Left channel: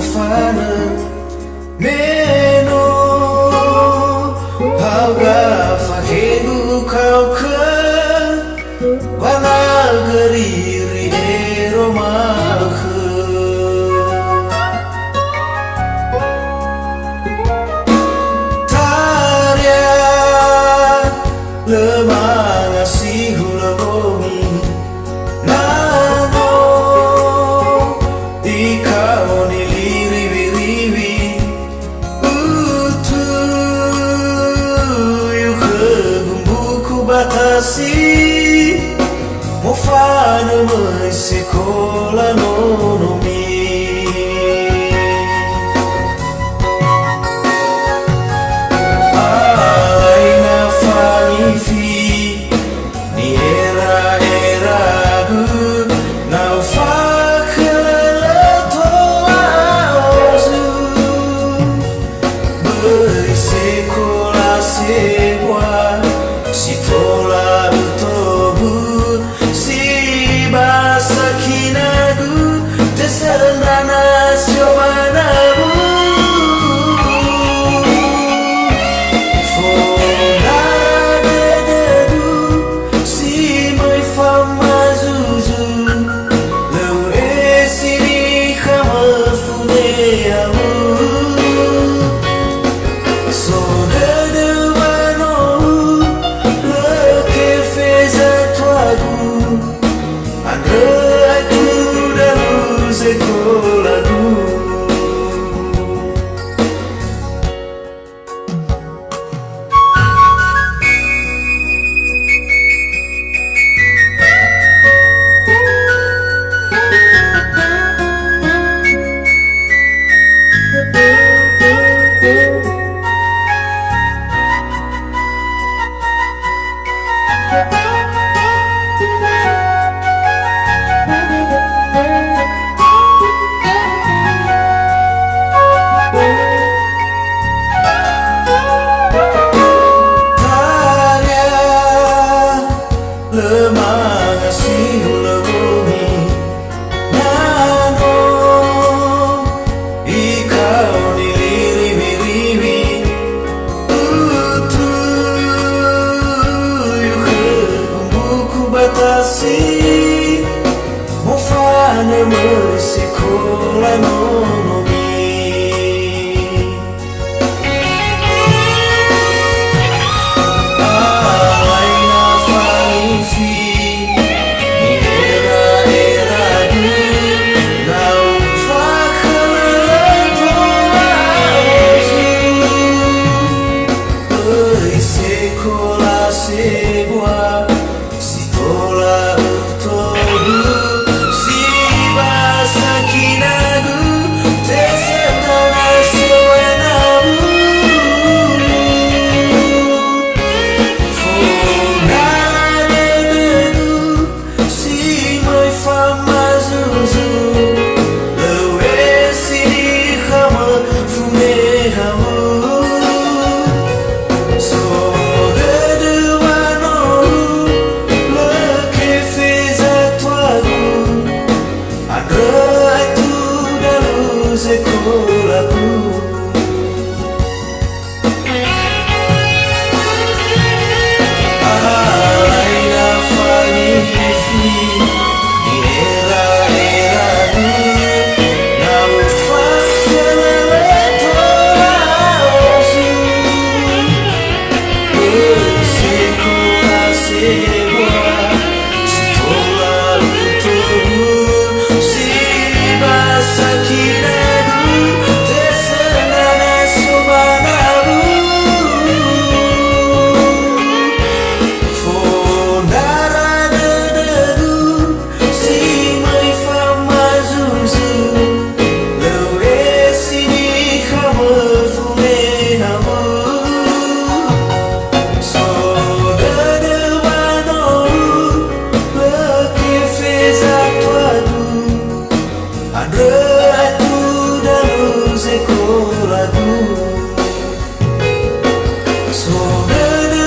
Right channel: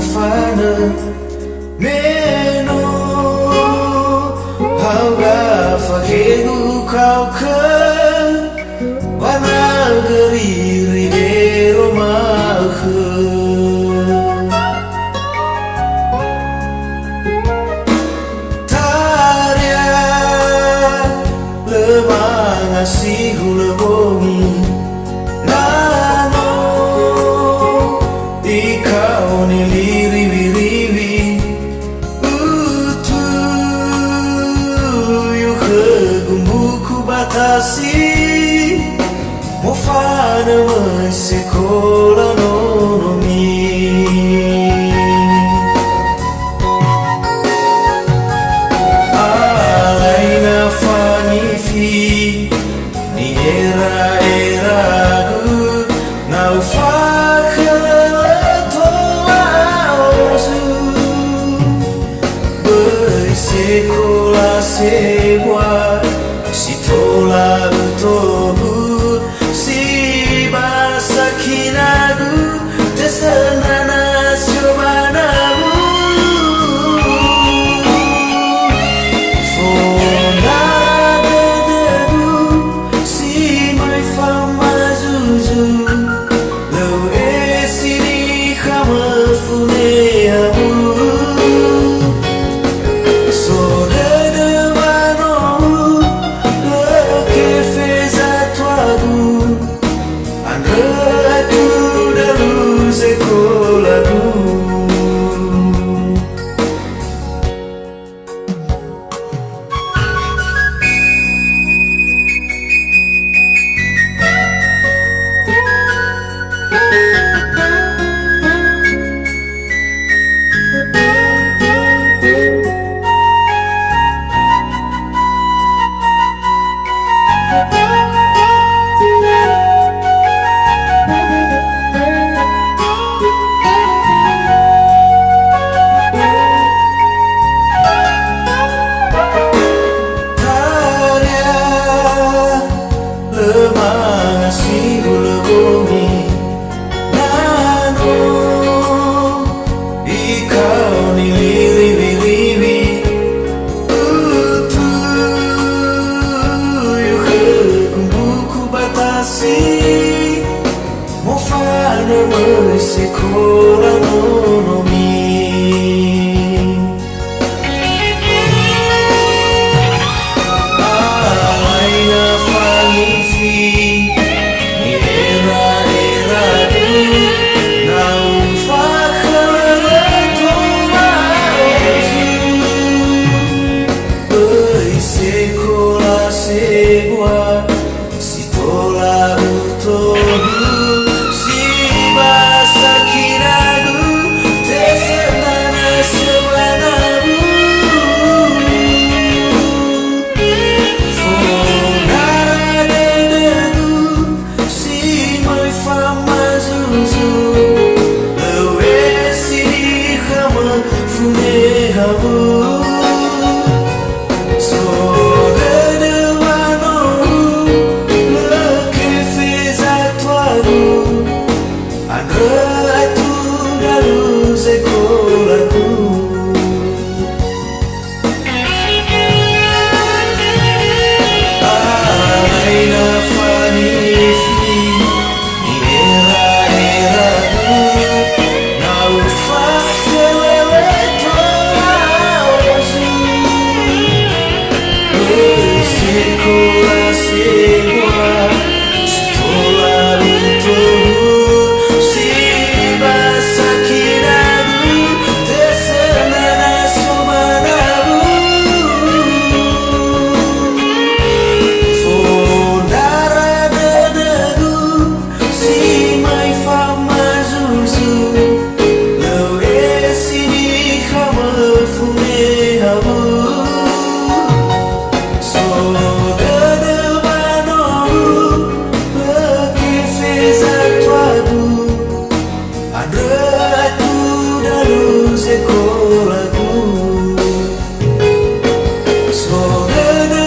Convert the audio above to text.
mofana meno hauga fahegu kau ke wana geriri eromahe tarya lemang asih hulebongi nano ikau niliriwi-riwi utu yuke gumbuku batasi mofana mai sekolah nonomi alaina fani fi ni era gu nau fakhala toaozu bai sekolah sewa sitola utohu sakinagu tesenana siomanamu fonara dededu si mai famazuzu lau esini kama funeamu so dedewano leke feza tuagu Andre tu dalu sekolahku mofana mai sekolah nonomi alaina fani fi ni era gu nau fakhala toaozu bai sekolah sewa sitola utohu So